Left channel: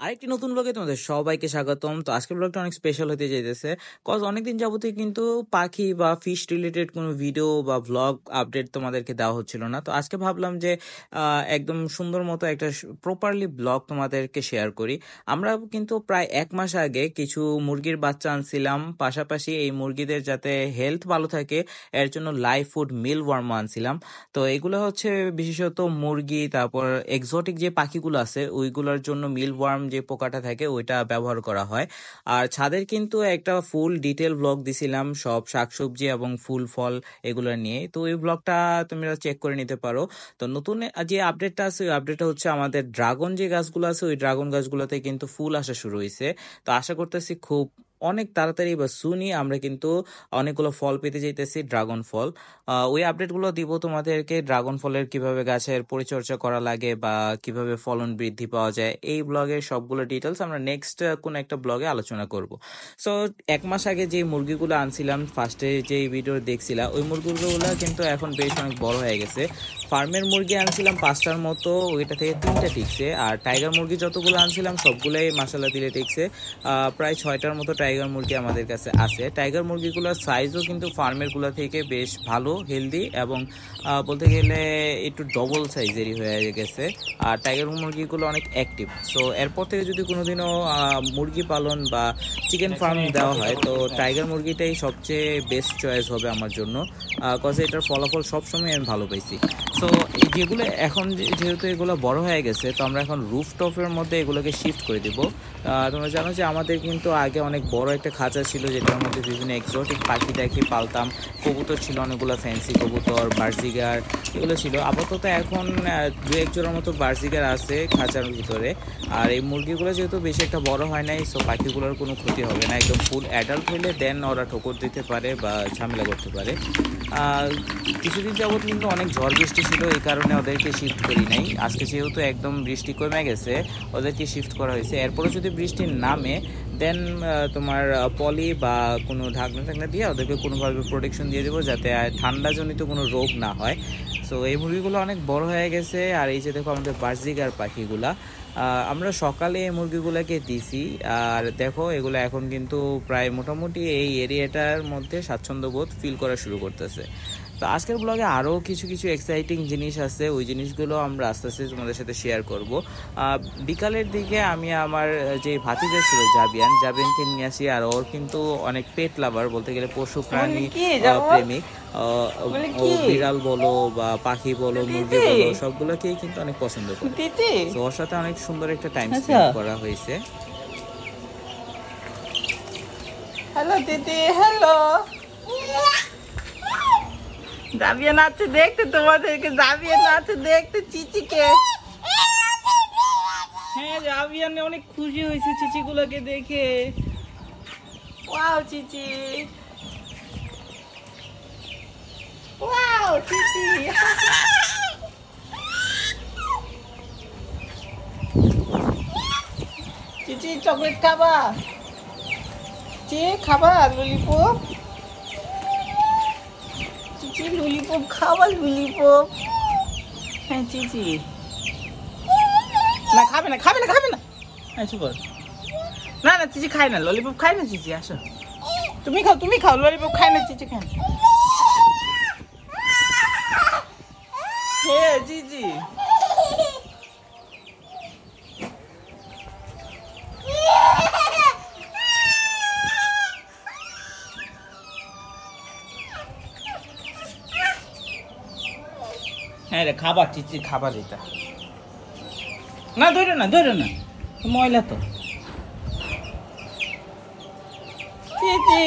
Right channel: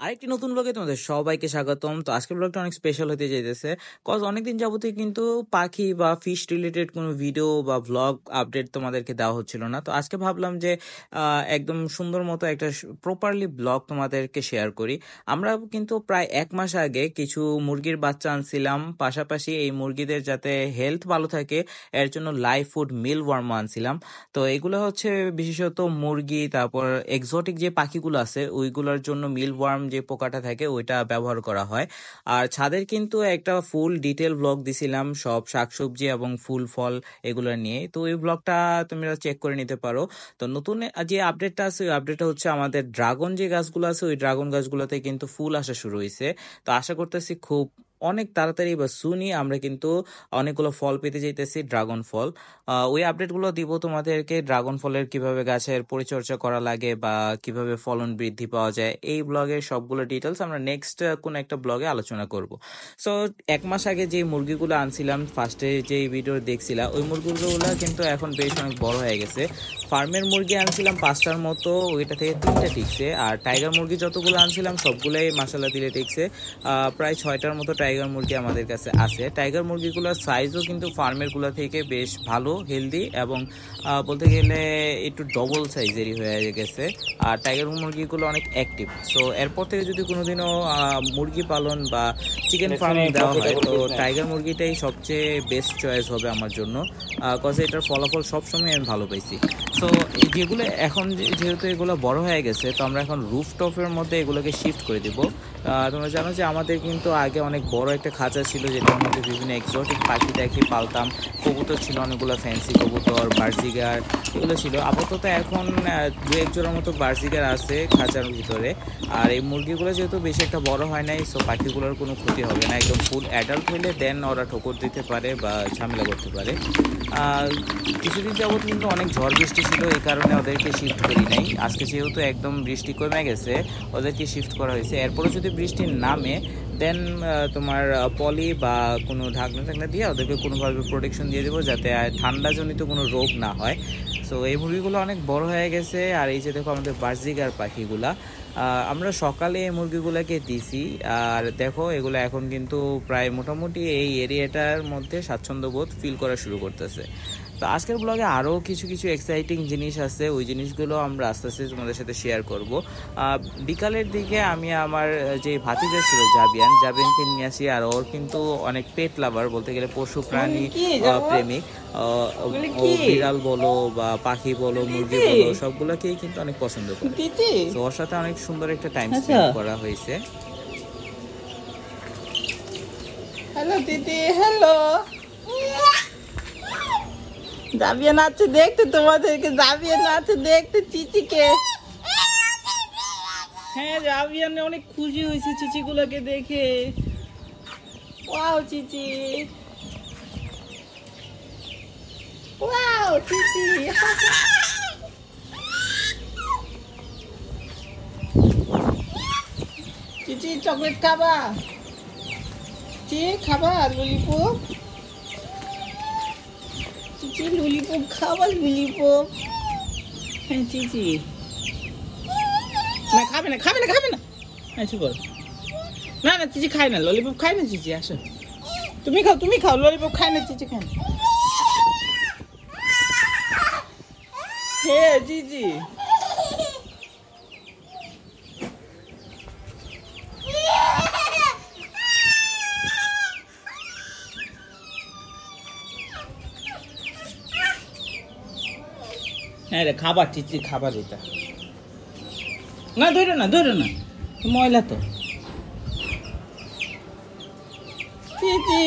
আরেকটি নতুন ব্লগে তোমাদের সবাইকে স্বাগতম। তো আজকের ব্লগটা অনেক স্পেশাল হতে যাইতেছে, কজ অনেকদিন যাবতীয় কিন্তু পাখি বা ফিশ রিলেটেড কোনো ভিডিও বা ভ্লগ আপডেট তোমাদেরকে দেওয়া হচ্ছিল না। তো আজকে ভাবলাম যে একদম সুন্দর মতো একটা প্রপারলি ব্লগ তোমাদেরকে শেয়ার করি। আমরা কিন্তু প্রায় 1 মাস আগে কিছু মুরগির বাচ্চা আনছিলাম, পাশাপাশি এই মুরগিদের যাতে হেলথ ভালো থাকে এর জন্য লাইভ ফুড মিল ওয়ার্ম আনছিলাম। তো এগুলো হচ্ছে বিশেষত মুরগি, তারপর এক্সোটিক যে পাখিগুলো আছে ওইগুলোর জন্য মিল ওয়ার্ম যে পোকাটা থাকে ওইটা ব্যবহার করা হয়। আর ছাদের কিন্তু একটা ফুল ডিটেল ব্লগ দিছিলাম সব শাকসবজি এবং ফুল ফল এগুলো নিয়ে, তো ওই ব্লগটা তোমরা চেক করে নিতে পারো। তো নতুন যে আপডেটটা আছে ওই আপডেটটা হচ্ছে আমাদের ড্রাগন যে গাছগুলো আছে ওই ড্রাগন গাছগুলোতে কিন্তু ফুল আসা শুরু হয়েছে। তো আশা করতেছি খুব অনেক তাড়াতাড়ি বা সুনি আমরা কিন্তু অনেকগুলো ফল পেতে যাইতেছি, ড্রাগন ফল। ওই আপডেটগুলো দিব তোমাদেরকে, ড্রাগন ফলের কিভাবে গাছের পরিচর্যা করা লাগে বা কিভাবে ফলন বৃদ্ধি পাওয়া যায় এই ব্লগের সবগুলো ডিটেলস আমরা নেক্সট কোন একটা ব্লগে আলোচনা করব। সো 1 মাস আগে যে মুরগিগুলো আনছিলাম, ফার্স্টে যে ভিডিও দেখছিলাম, ওই মুরগিগুলো কিন্তু এখন বেশ অনেক বড় হয়ে গেছে। ফার্মের মুরগি আনছিলাম 5টার মতো, ওইটা থেকে 3টা টিকছে। আর টাইগার মুরগি যতগুলো আনছিলাম সবগুলোই মাসাল্লাহ দিলে টিকছে। প্রায় 6টার মতো টাইগার মুরগি আমাদের কাছে আছে। টাইগার মুরগিগুলোর সাইজও কিন্তু ফার্মের গুলো থেকে বেশ ভালো, হেলদি এবং বলতে গেলে একটু ডবল সাইজেরই হয়ে গেছে। আর টাইগার মুরগিগুলো অনেক অ্যাক্টিভ। সো এরপর থেকে যদি কোনোদিনও মুরগি পালন বা চিকেন ফার্ম দেওয়া হয় তো টাইগার মুরগিটাই সবচেয়ে বেস্ট চয়েস হবে আমার জন্য, কজ এটার ফলাফল সবসময় আমি ভালো পাইছি। সো যেগুলো এখন যেহেতু এগুলো বড় হয়ে গেছে তো আমরা এখন রুফটপের মধ্যে এগুলোকে শিফট করে দিব। তোমরা জানো যে আমাদের কিন্তু আগে অনেক বড় একটা খাঁচা ছিল যেটার মধ্যে বিভিন্ন এক্সোটিক পাখি টাখি পালতাম। কবুতর ছিল অনেকগুলো, ফ্যান্সি কবুতর, বার্জিগার এগুলো ছিল। আপাতত এখন 2-1 জোড়ার মতো বার্জিগার আছে খাঁচার ভিতরে। আর এই মুরগিগুলো যেহেতু বেশি একটা বড় হয় নাই, সো পাখিগুলোর কোনো ক্ষতি হবে না। একদম ফুল অ্যাডাল্ট হইলে দেন ওরা ঠোকর দিতে পারে বা ঝামেলা করতে পারে। কিছুদিন যাবত কিন্তু অনেক ঝড় বৃষ্টি ছিল, এই কারণে ওদেরকে শিফট করি নাই। আজকে যেহেতু একদম বৃষ্টি কমে গেছে ওদেরকে শিফট করা হয়েছে। এরপরে যদি বৃষ্টি নামে দেন তোমার পলি বা কোনো ঢাকনা টাকনা দিয়ে ওদেরকে কোনোভাবে প্রোটেকশন দিয়ে দেবো যাতে ঠান্ডাজনিত কোনো রোগ না হয়। সো এই মুরগিগুলো অনেক বড় হয়ে গেছে। আর এই যে দেখো আমাদের বার্জিগার পাখিগুলা, আমরা সকালে এই মুরগিগুলোকে দিছি। আর দেখো এগুলো এখন কিন্তু প্রায় মোটামুটি এই এরিয়াটার মধ্যে স্বাচ্ছন্দ্যবোধ ফিল করা শুরু করতেছে। তো আজকের ব্লগে আরও কিছু কিছু এক্সাইটিং জিনিস আছে, ওই জিনিসগুলো আমরা আস্তে আস্তে তোমাদের সাথে শেয়ার করব। বিকালের দিকে আমি আমার যে ভাতিজা ছিল জাবিয়ানকে নিয়ে আসি। আর ওর কিন্তু অনেক পেট লাভার, বলতে গেলে পশু প্রাণী প্রেমিক। ও বিড়াল বলো বা পাখি বলো মুরগি বলো সবগুলোকেই কিন্তু অনেক পছন্দ করে। তো ওর সাথে অনেক সুন্দর একটা টাইম স্পেন্ড করা হয়েছে। হ্যালো দিদি, হ্যালো। জাবিয়ান আছে দেখতে, তোমাদেরকে জাবিয়ান আছে দেখতে চিচিকে। হ্যাঁ, জাবিয়ান অনেক খুশি হয়েছে চিচিগুলোকে দেখে। ওয়াও চিচি, ওয়াও চিচি। চিচি চকলেট খাবা? চিচি খাবা ললিপপ? চিচি ললিপপ খাবা? ললিপপ? হ্যাঁ চিচি। না খাবে না, খাবে না, খাবে না। আচ্ছা বল। না না চিচি খায় না, ললিপপ খায় না চিচি। আসো তুমি খাও, তুমি খাও, ললিপপ খায় না চিচি, খায় না। হ্যাঁ চিচি। হ্যাঁ রে, খাবার চিচি, খাবার এটা। না ধরো না, ধরো না, ময়লা তো। চিচি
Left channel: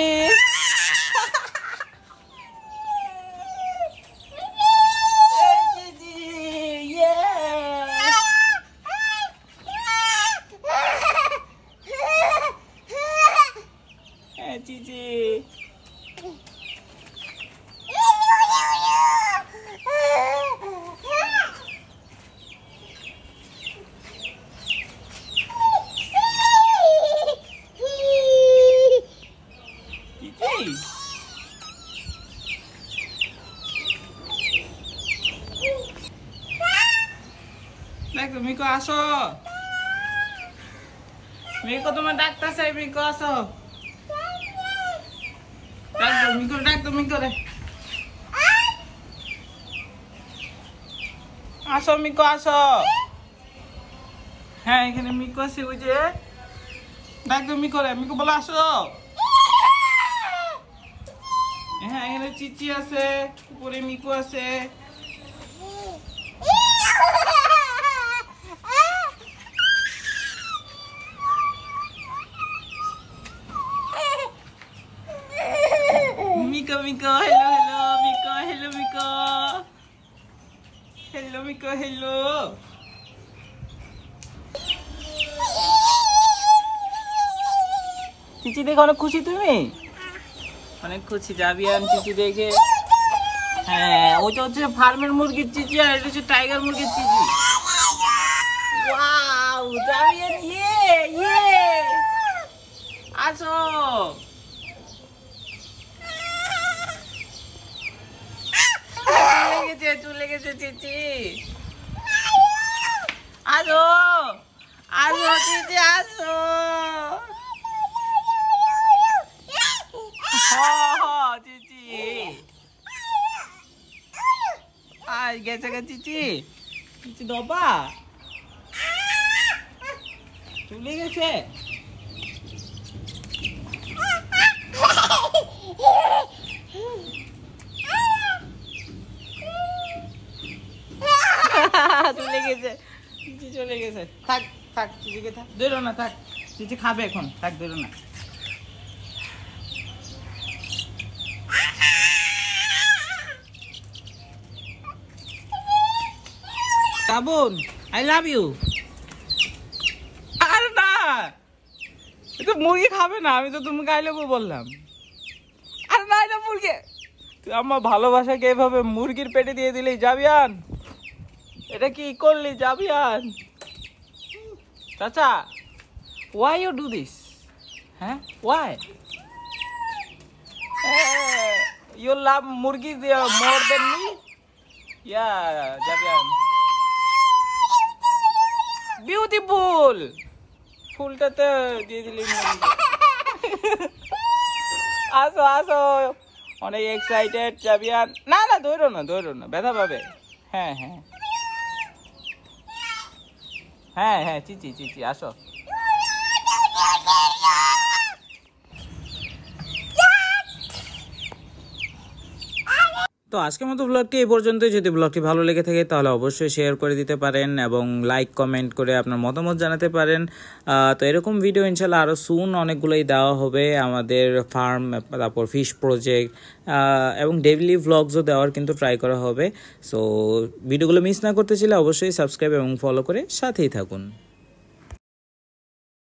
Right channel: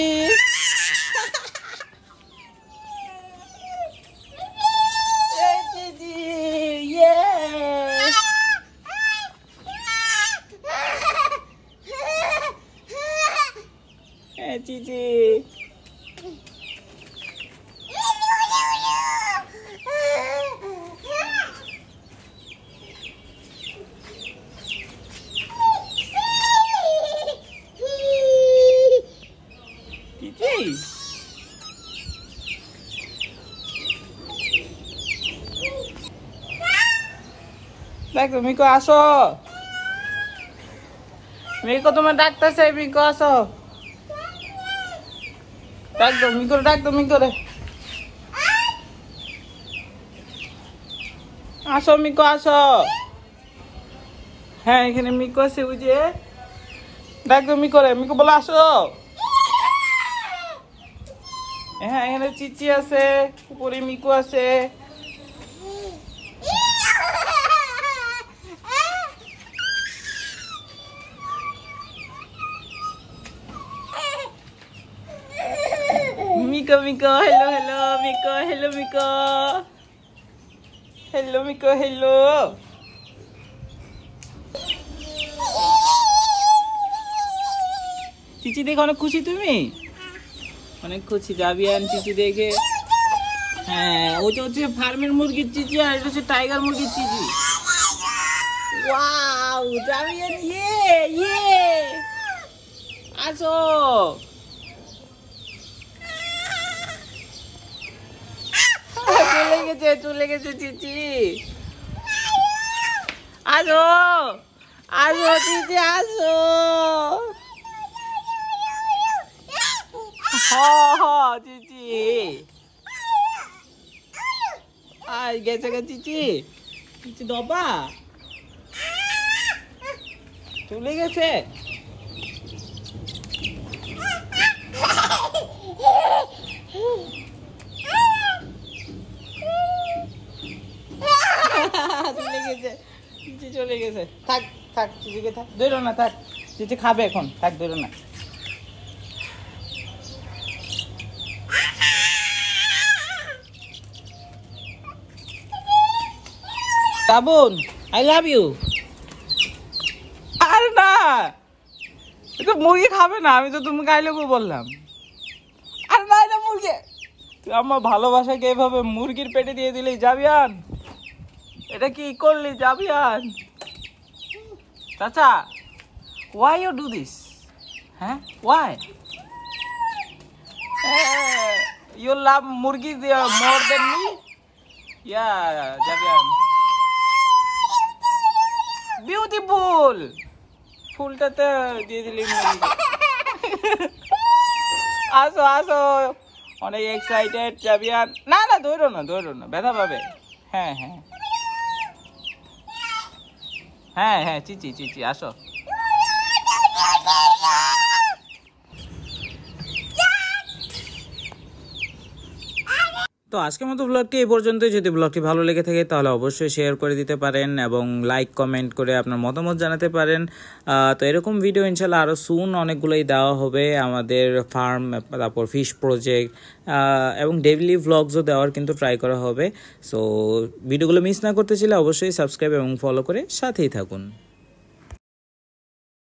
চিচি। দেখ তুমি কো আসো। মিকো তোমার ডাকতেছে, মিকো আসো। ডাক দাও মিকো, ডাক দাও মিকো রে। আসো মিকো আসো। হ্যাঁ এখানে মিকো আছে, ওই যে ডাক দাও মিকো রে, মিকো বলো আসো। হ্যাঁ এখানে চিচি আছে, উপরে মিকো আছে। Miko Miko hello hello Miko, hello Miko, hello Miko, hello. চিচি দেখে অনেক খুশি তুমি? অনেক খুশি জাবিয়ান চিচি দেখে। হ্যাঁ ওটা হচ্ছে ফার্মের মুরগির চিচি, আর এটা হচ্ছে টাইগার মুরগির চিচি। ওয়াও জাবিয়ান, ইয়ে ইয়ে, আসো। চলে গেছে চিচি, আসো আসো চিচি আসো। চিচি আজ গেছে গে চিচি, চিচি দবা চলে গেছে। চলে গেছে চিচি, চলে গেছে। থাক থাক চিচিকে থাক, ধরো না, থাক চিচি খাবে এখন, থাক ধরো না। সাবুন আই লাভ ইউ। আরে না, তো মুরগি খাবে না, আমি তো তোমাকে আই লাভ ইউ বললাম। আরে না এটা মুরগি, তুই আমার ভালোবাসাকে এভাবে মুরগির পেটে দিয়ে দিলি জাবিয়ান, এটা কি করলি জাবিয়ান? চাচা why you do this? হ্যাঁ why? You love মুরগি more than me? Yeah জাবিয়ান, বিউটিফুল। ফুলটাতে দিয়ে দিলি আসো আসো, অনেক এক্সাইটেড জাবিয়ান। না না ধরো না, ধরো না, ব্যথা পাবে। হ্যাঁ হ্যাঁ হ্যাঁ হ্যাঁ চিচি চিচি আসো। তো আজকের মতো ব্লগটি এই পর্যন্তই। যদি ব্লগটি ভালো লেগে থাকে তাহলে অবশ্যই শেয়ার করে দিতে পারেন এবং লাইক কমেন্ট করে আপনার মতামত জানাতে পারেন। তো এরকম ভিডিও ইনশাল্লাহ আরও সুন অনেকগুলোই দেওয়া হবে, আমাদের ফার্ম, তারপর ফিশ প্রজেক্ট এবং ডেইলি ভ্লগসও দেওয়ার কিন্তু ট্রাই করা হবে। সো ভিডিওগুলো মিস না করতে চাইলে অবশ্যই সাবস্ক্রাইব এবং ফলো করে সাথেই থাকুন।